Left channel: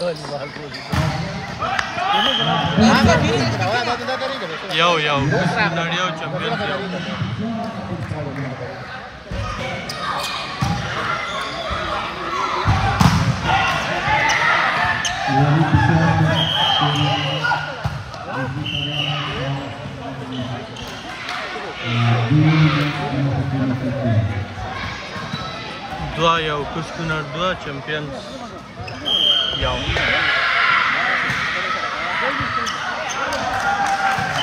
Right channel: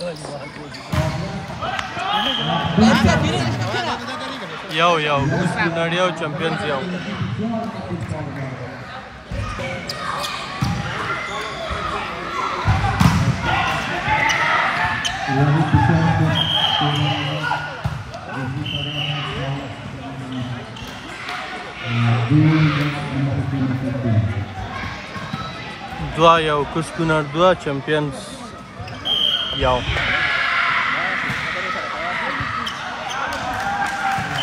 یو کونړ یو چمپیونز یو دوا یو کوز کونړ دوا چمپیونز یو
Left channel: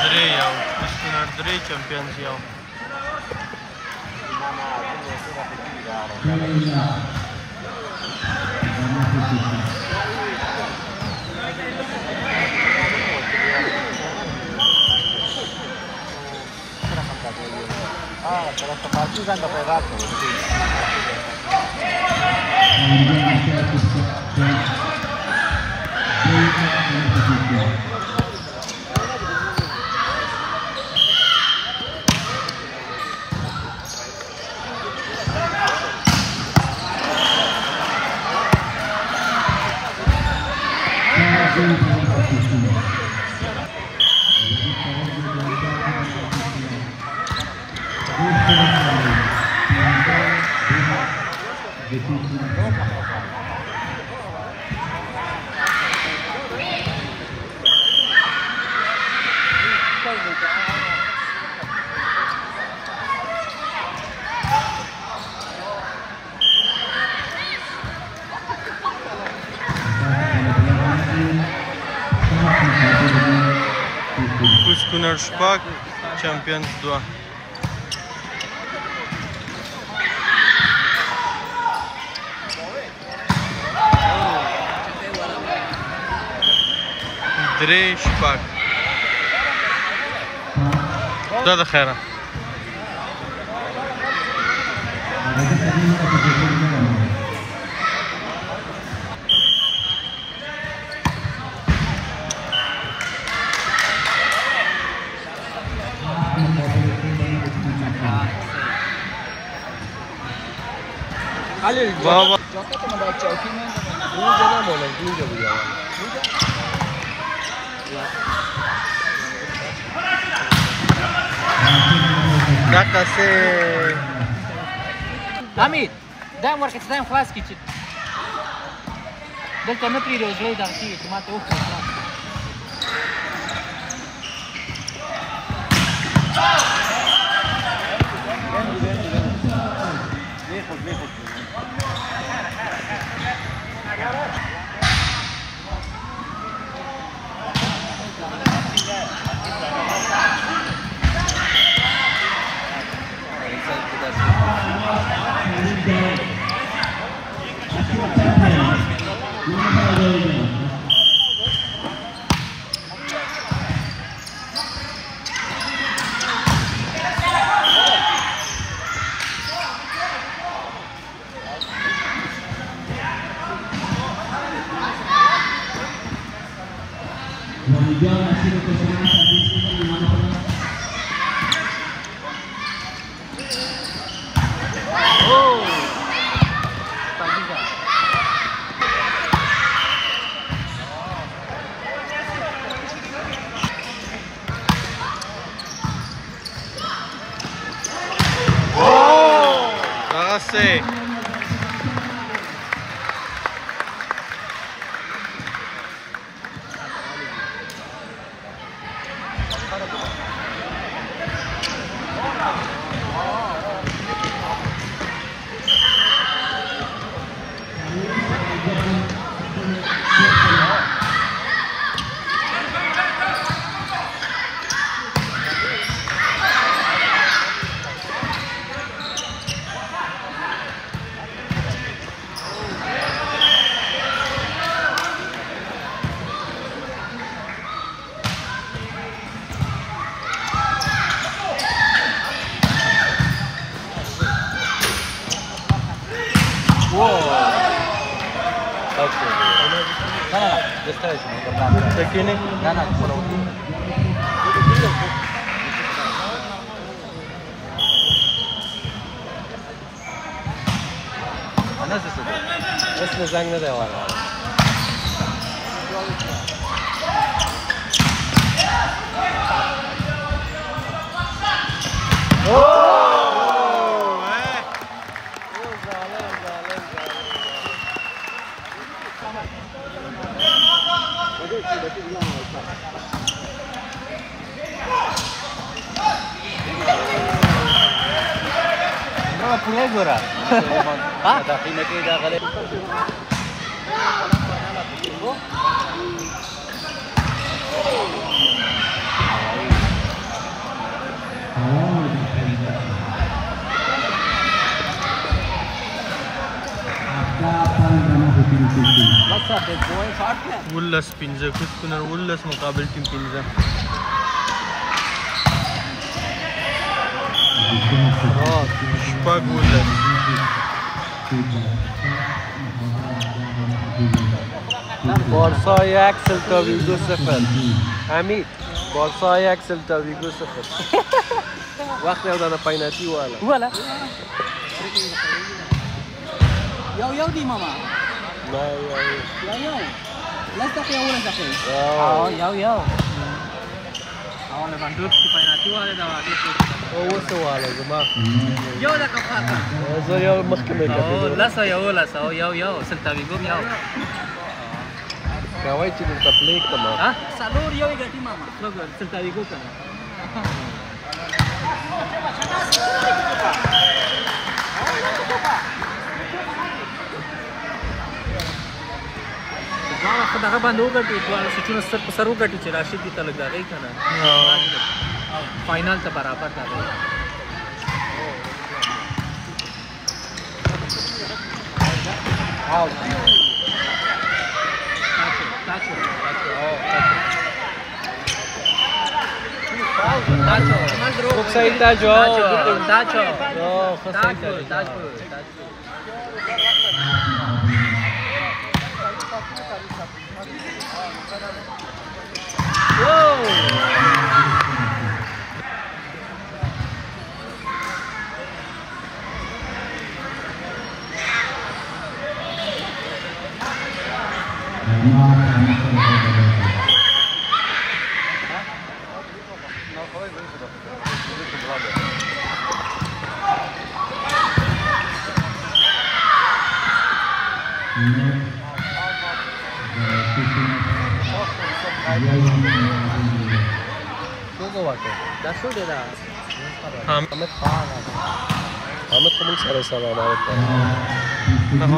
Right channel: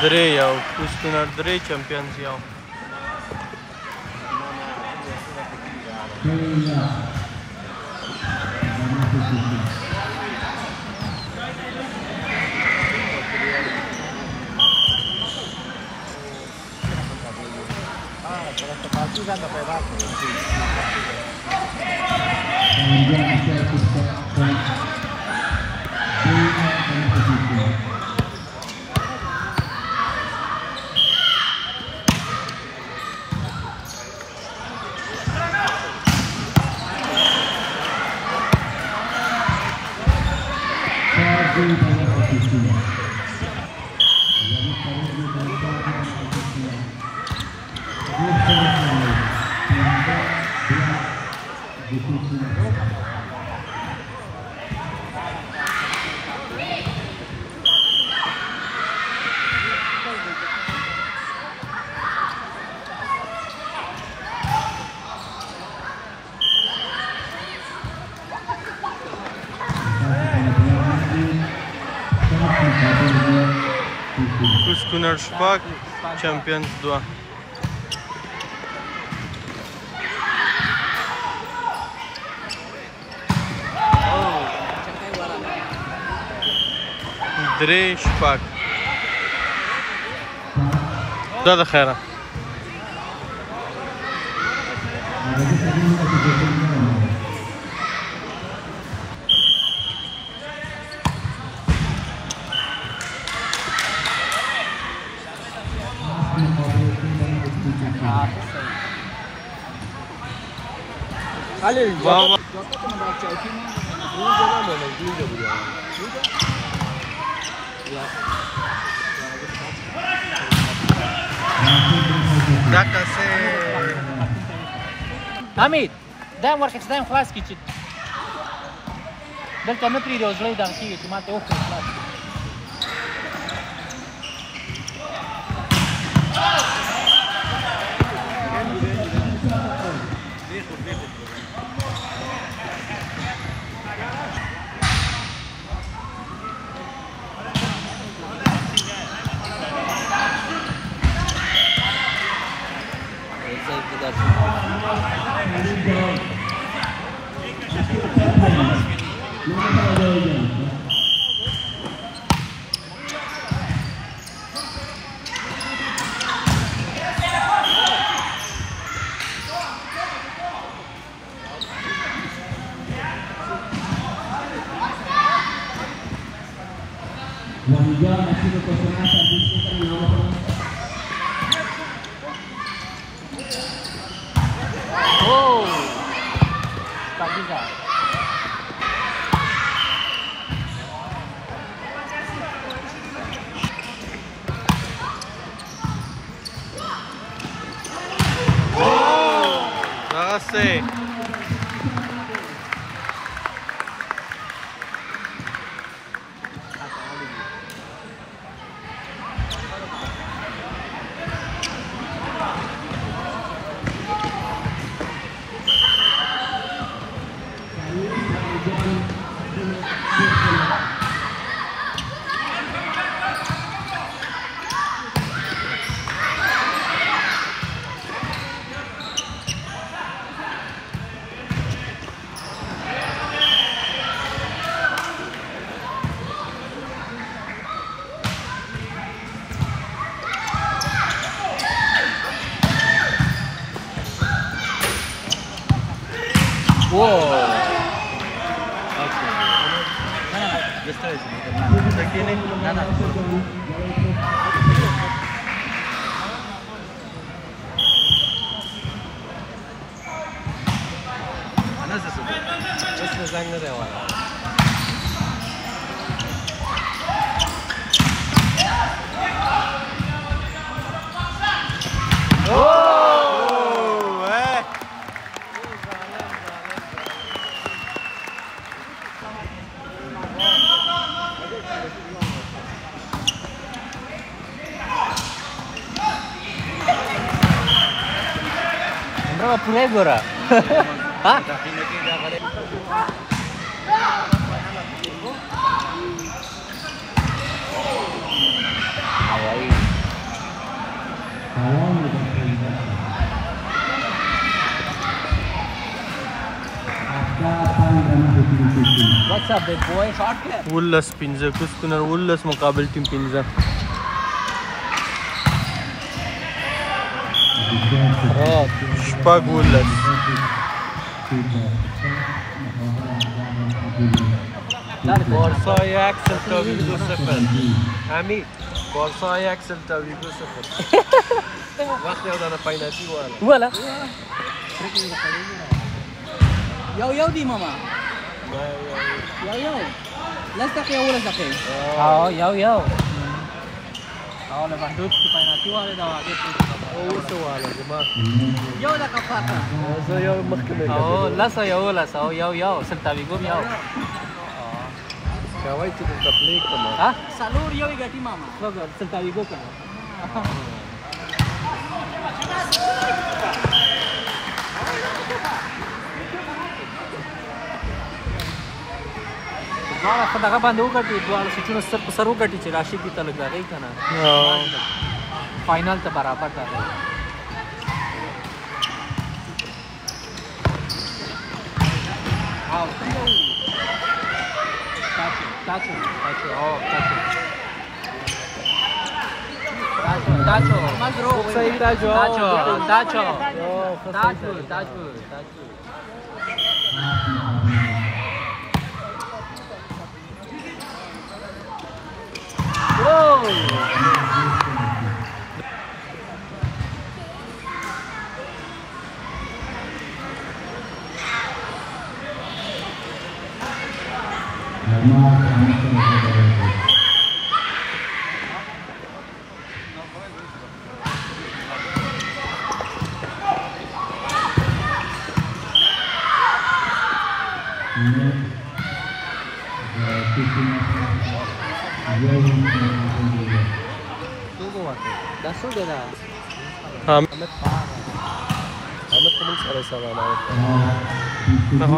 درې یو کوز کونړ درې چمپیونز یو کوز کونړ شپږ چمپیونز دوه درې شپږ دا د خیره بابا دا کسې حمید دا ورکه چې دا هم خلاص کړي چې دلته نه پرېږدي او زړه یې دم کېږي چې ما ته وکړه Say. زنگ نده آقا پوره ګوره ها ولس پنځه کوس کونر ولس مقابل ټیم پنځه شپږ ولس بارسا 1 سلتا ویگو 0 حمید بارسا 1 سلتا ویگو 0 وقت یو دا پینالتی ولا یو دی ماما یو لس دقیقه ولا دقیقه یو لewandowski پینالتی واله دا اوسو واله زما یو دقیقه زه یو مخکې مې لس یو سلتا ویګو یو کوي چې د پلیک کنه ها سالور یو غټي ماما وګور سلتا ویګو کنه ما خدای باندې وګټي دوه سچونه سر په سر وګټي چې راشد دې ته لګاږي کنه فائنل ته برابر ده او تاچو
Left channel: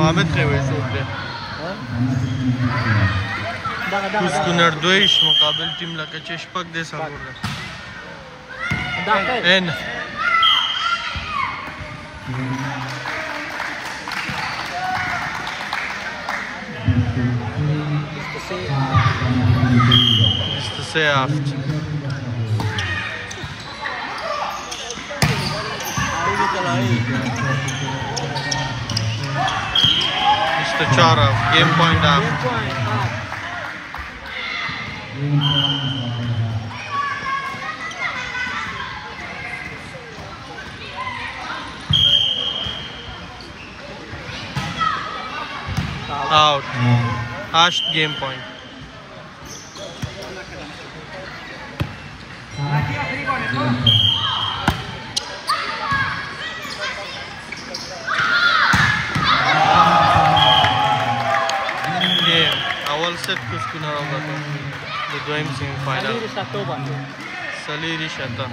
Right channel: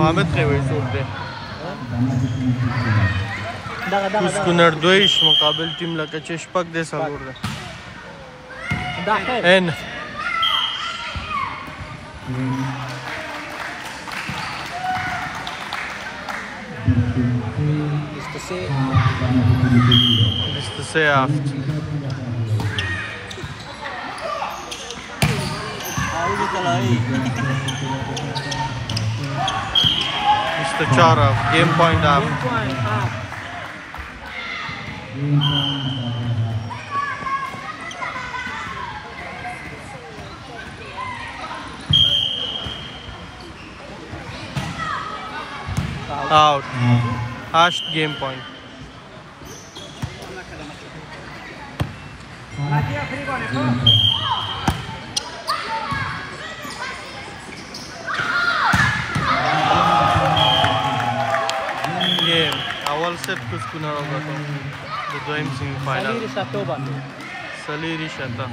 حامد قوي څوک دی کوس کونر دویش مقابل ټیم لکه چې شپږ دی څلور ده ان Ist das sehr oft. Mr. Chara, game point up. Out. Hashed game point. Game. Awal set kus kunar hoga the doim semi final. Saliri Shata.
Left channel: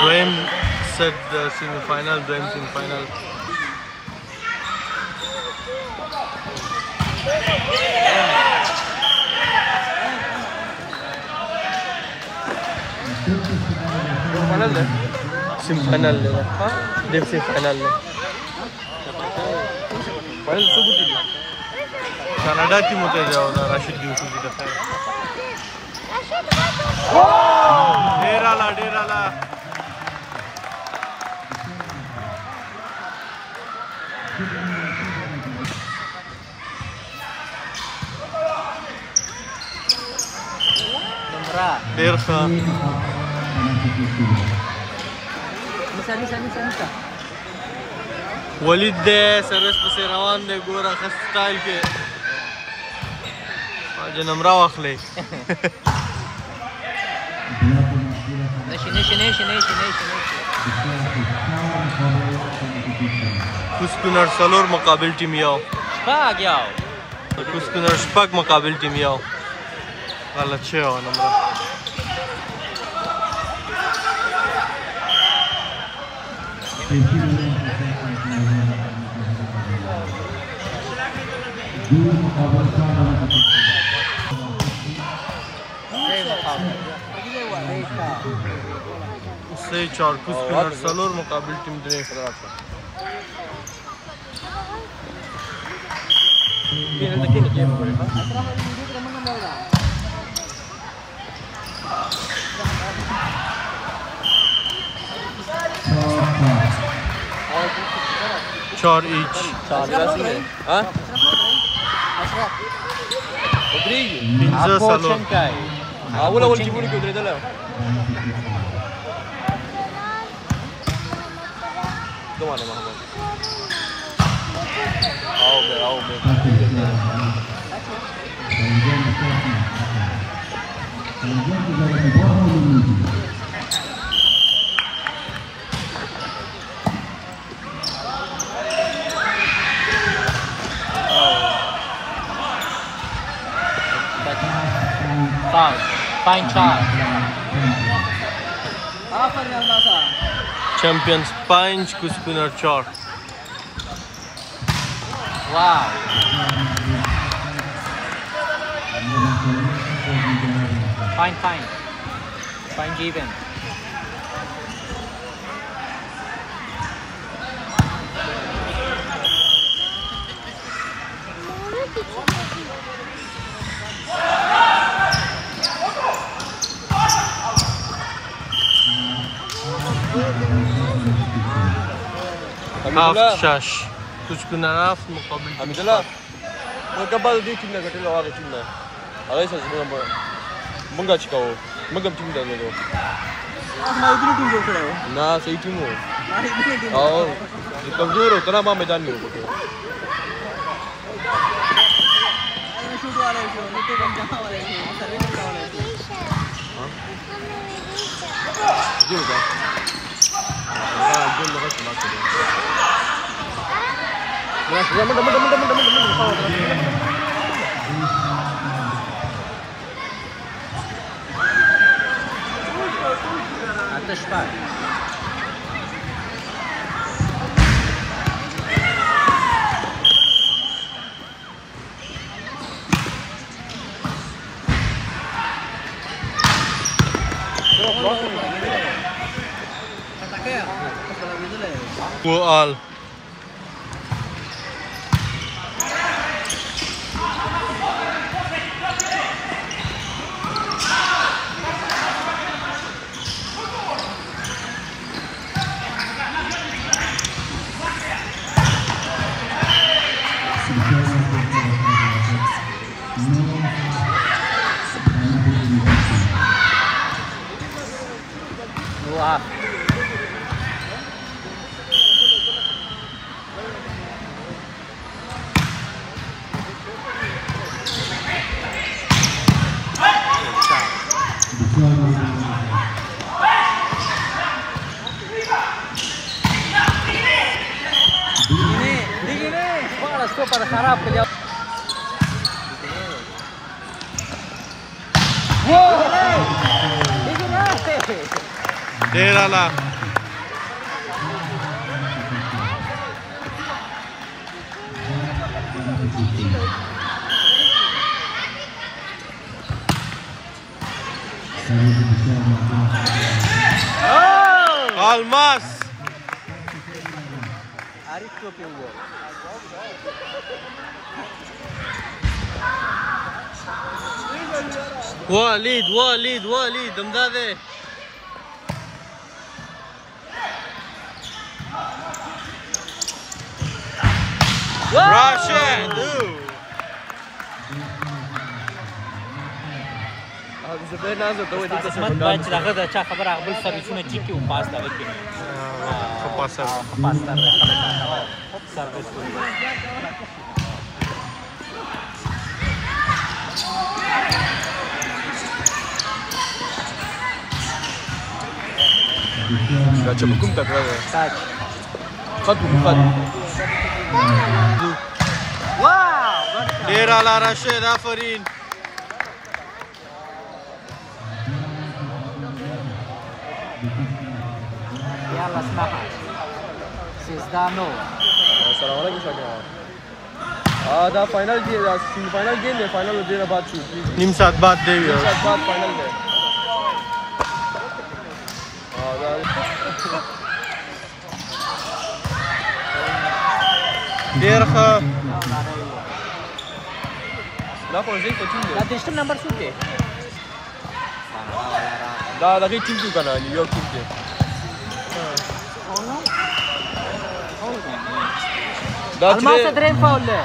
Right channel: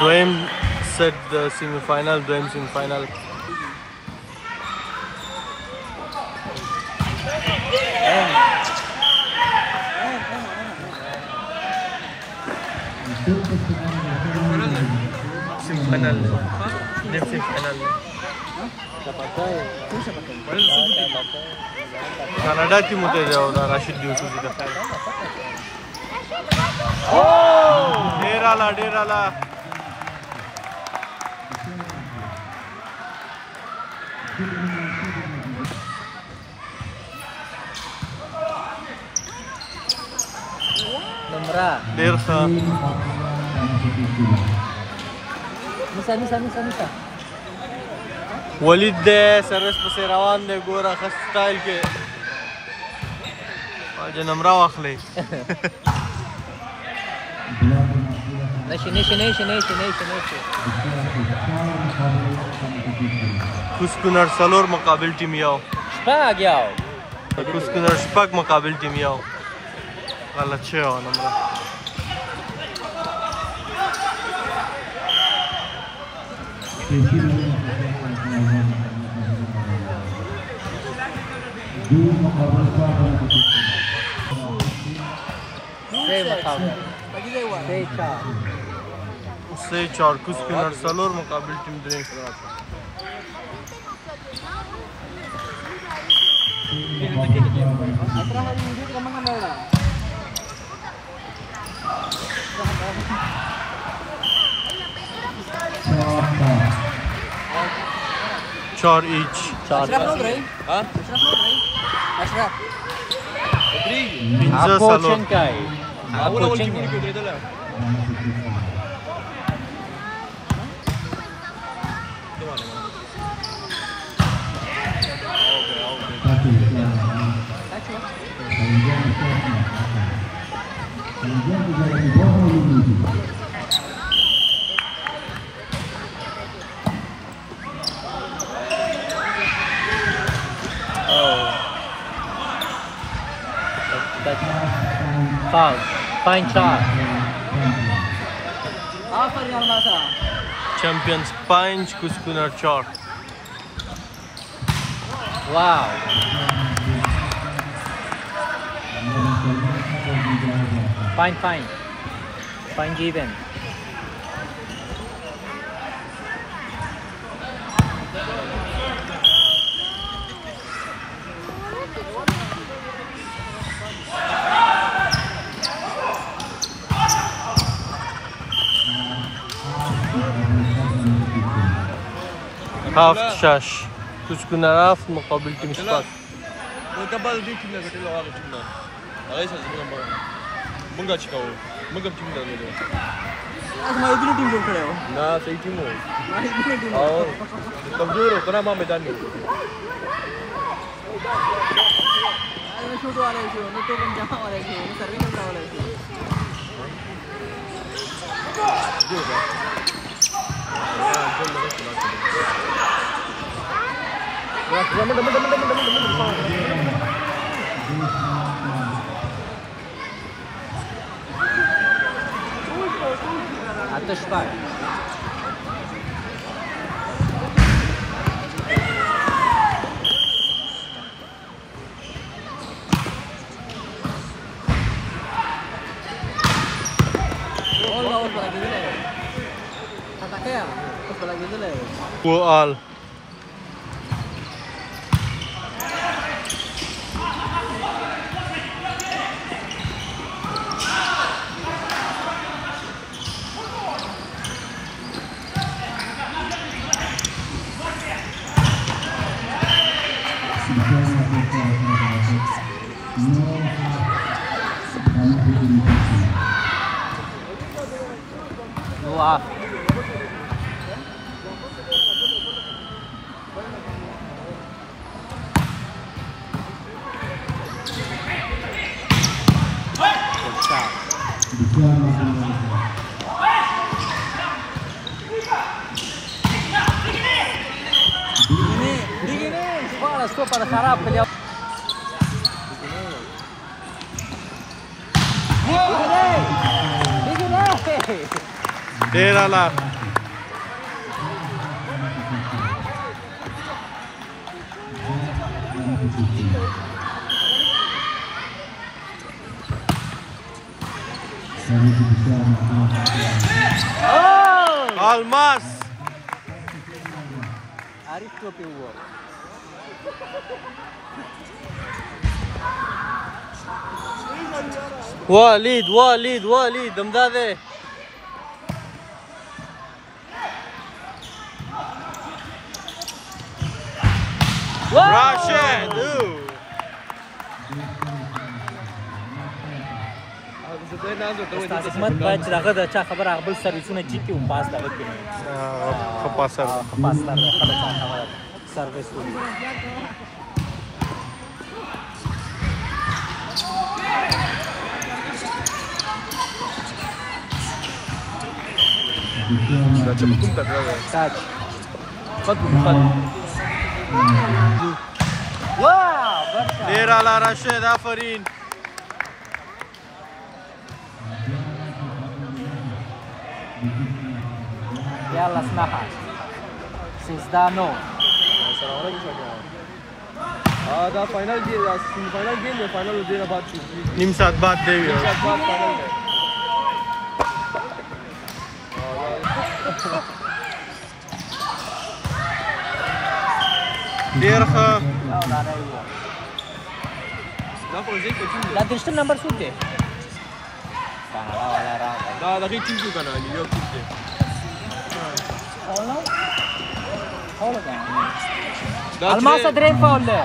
Doim set the semi final. Doim semi final. Sim final le dem sim final le Canada team hote jao da Rashid Yusufi da khair Derala Der Khan Nisa. ولید دې سروس پسې روان دی ګوره ښه سټایل کې واجه نمره واخلئ نشي کوس کونړ څلور مقابل ټیم یو شپږ یو کوس کونړ شپږ مقابل ټیم یو Galaceo numra. उससे 4 कुछ स्पिनर सलोर मुकाबल टीम दे चार each Pinza salor Fine shot. Champions 5 कुछ स्पिनर 4 Wow. Fine even. half shash कुछ कुनाराफ मुकाबल team spot Magkabal di team na gatilo ako team na. Ay sa mga mga chikaw. Magam team na nito. मैं इधर टीम को खड़ा हूँ Na sa team mo. मैं इधर team Oo. Ikaw duro kana ma medan mo. मैं शूट वाला है मैं तो कम जहाँ वाला है मैं सर्वे करने वाला है वो all Derala Almas Walid Damdade Rashid قسمت باید چې دغه د چا خبره هغه بل سرویسونه چیک کړي او پاس دا وکړي Kapasar پاس دا سرویس Derala Rashid Afarin Yalla snapper. Sizdano. سلام علیکم شکر. دا فاینل کې دا سیمی فاینل ګیم دی فاینل ډیر بعد شي. نیم ساعت بعد دی یو. فاینل دی. ډیر ښه. دا فوزي ته ټیم دا دشتم نمبر څوک دی؟ دا دغه ټیم کې کنه یو ټیم دی. دا چې الماس درې فاول دی.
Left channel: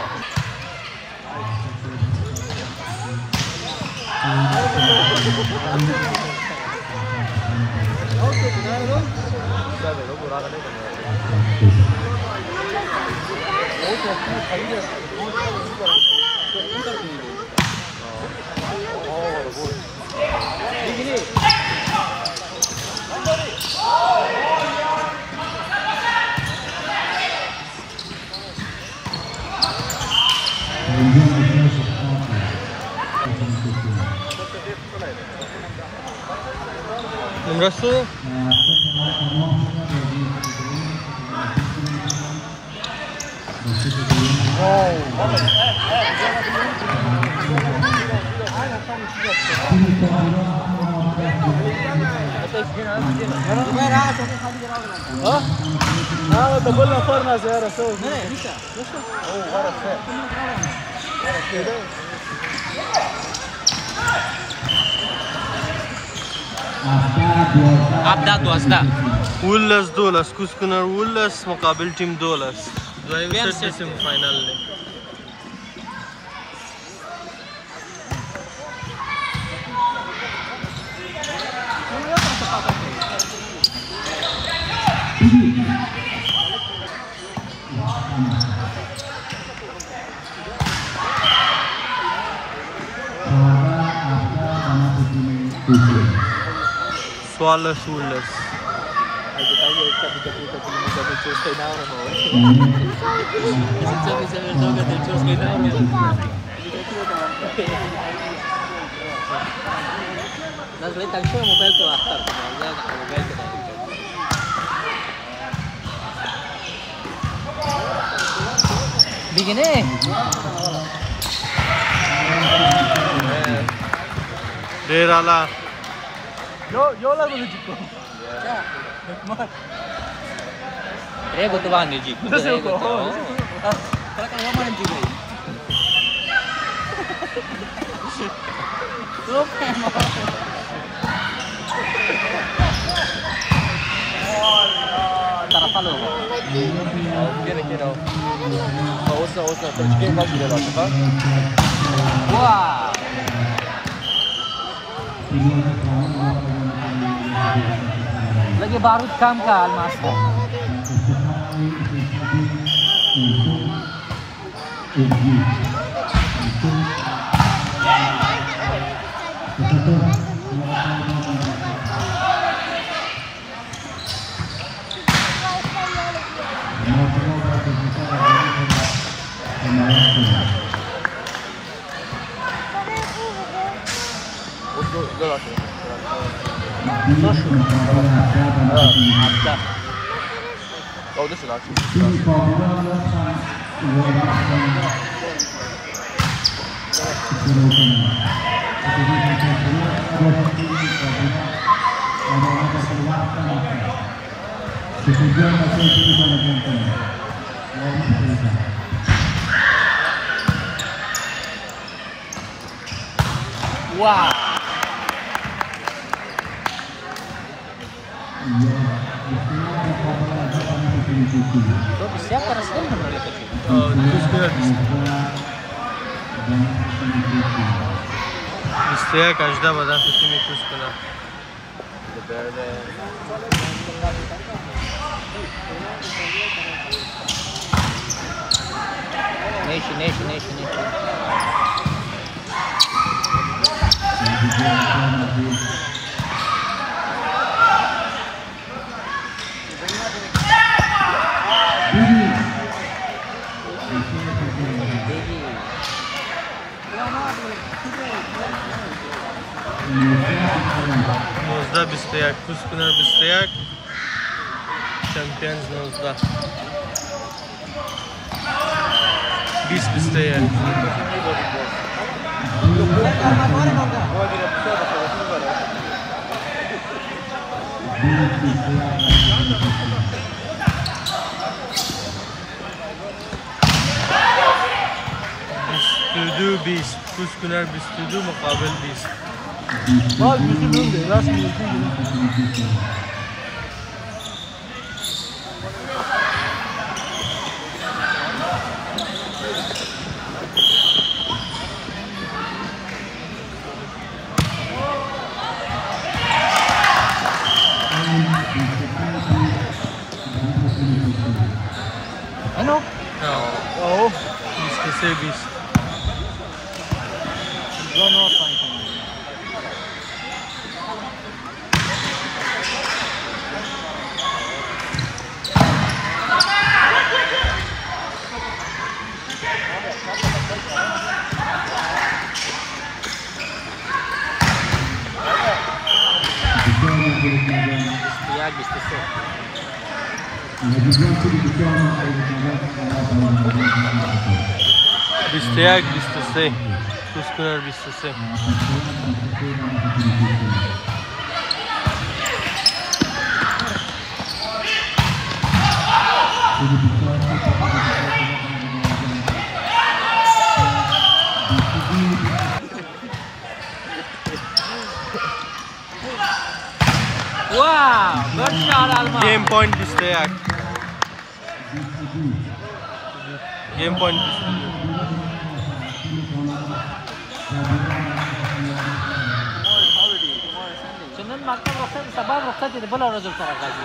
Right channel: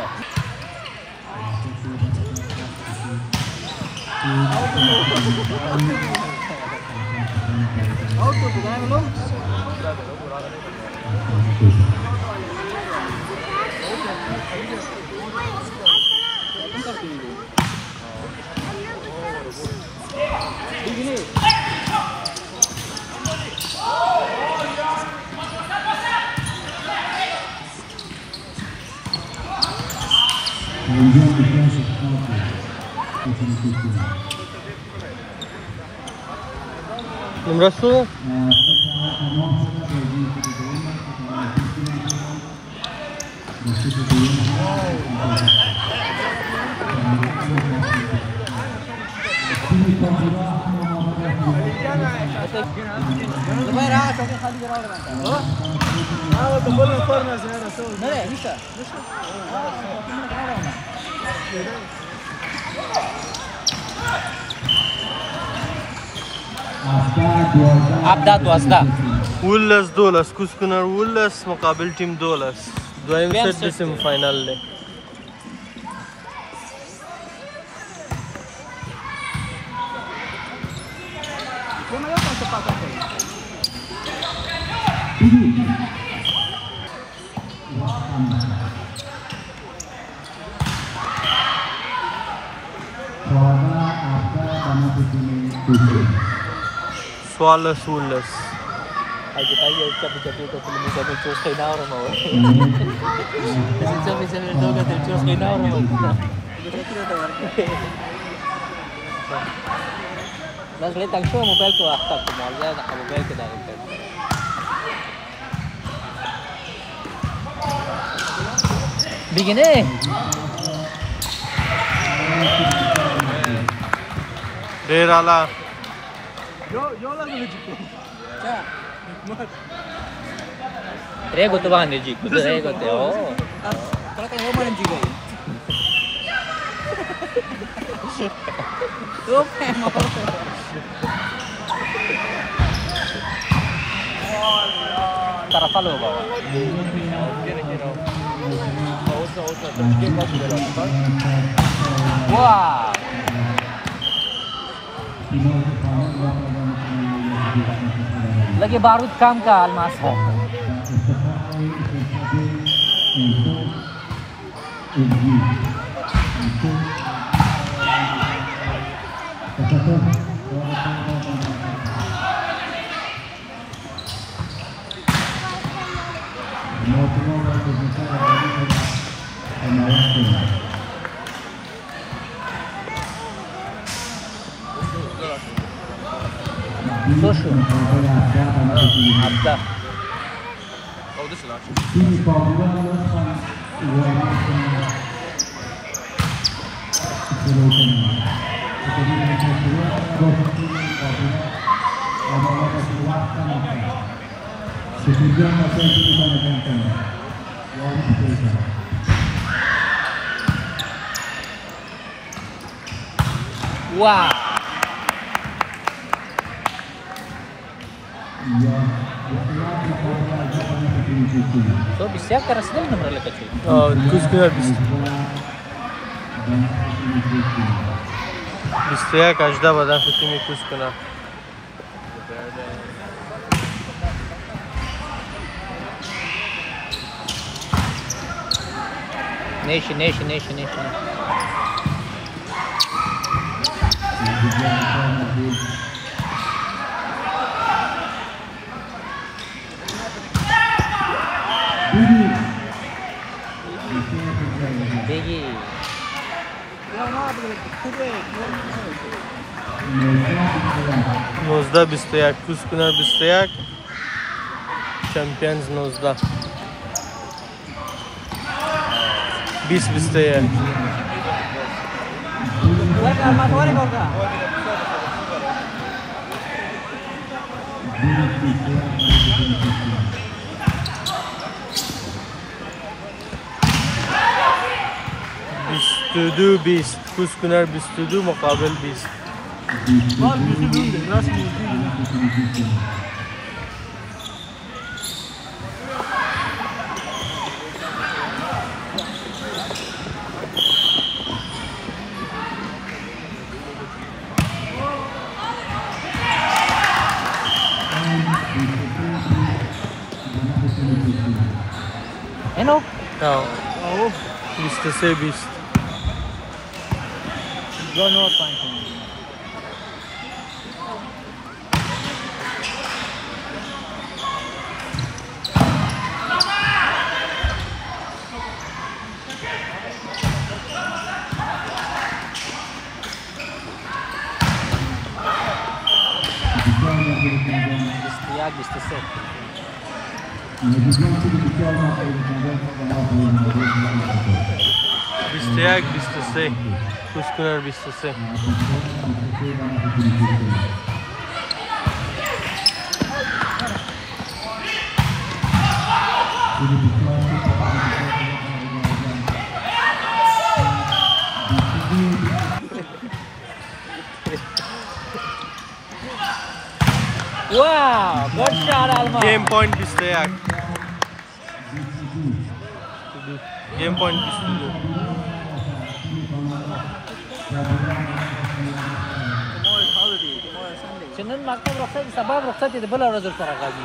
نمره څو؟ هغه د بل نفر نه زیاره څو نه نشه ابدا 12 ولس 12 کوس کونړ ولس مقابل ټیم 12 دویم سیټ د سیمی فاینل دی. سوالس ولس Begini. ډیر اعلی. یو لګو دي کو Prego tu vanno G. Prego. Però che non prendi lei. Lagi barut kam ka Almas. Oh, this is not true. Wow. To bisa teraz lemon lekat. کوس کونړ بستیا کاجدا به داسې تیمې کوس کونړ Neši. 19-21 کوسکنر 21 چمپیونز 19 20-21 22-20 کوسکنر 22 مقابل 20 بال می‌خونده راست می‌خونده Ano? Oo. 20-20 21-23 کوسکنر 23 Wow, good shot, Alma. Game point 21 Game point 22 Sinan makan waktu sabah waktu itu bola rozok tak lagi.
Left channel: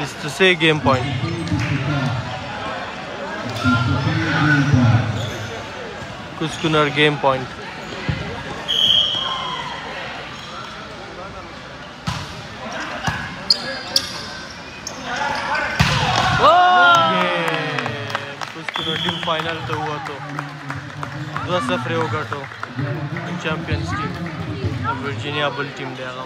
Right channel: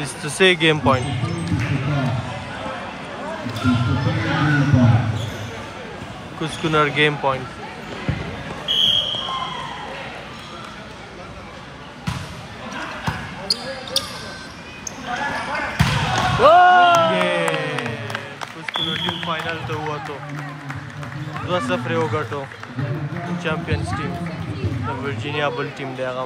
23 game point کوسکنر game point کوسکنر team final ته ووتو 2-0 وګټو چمپیونز ټیم د ورجینیا بل ټیم دی هغه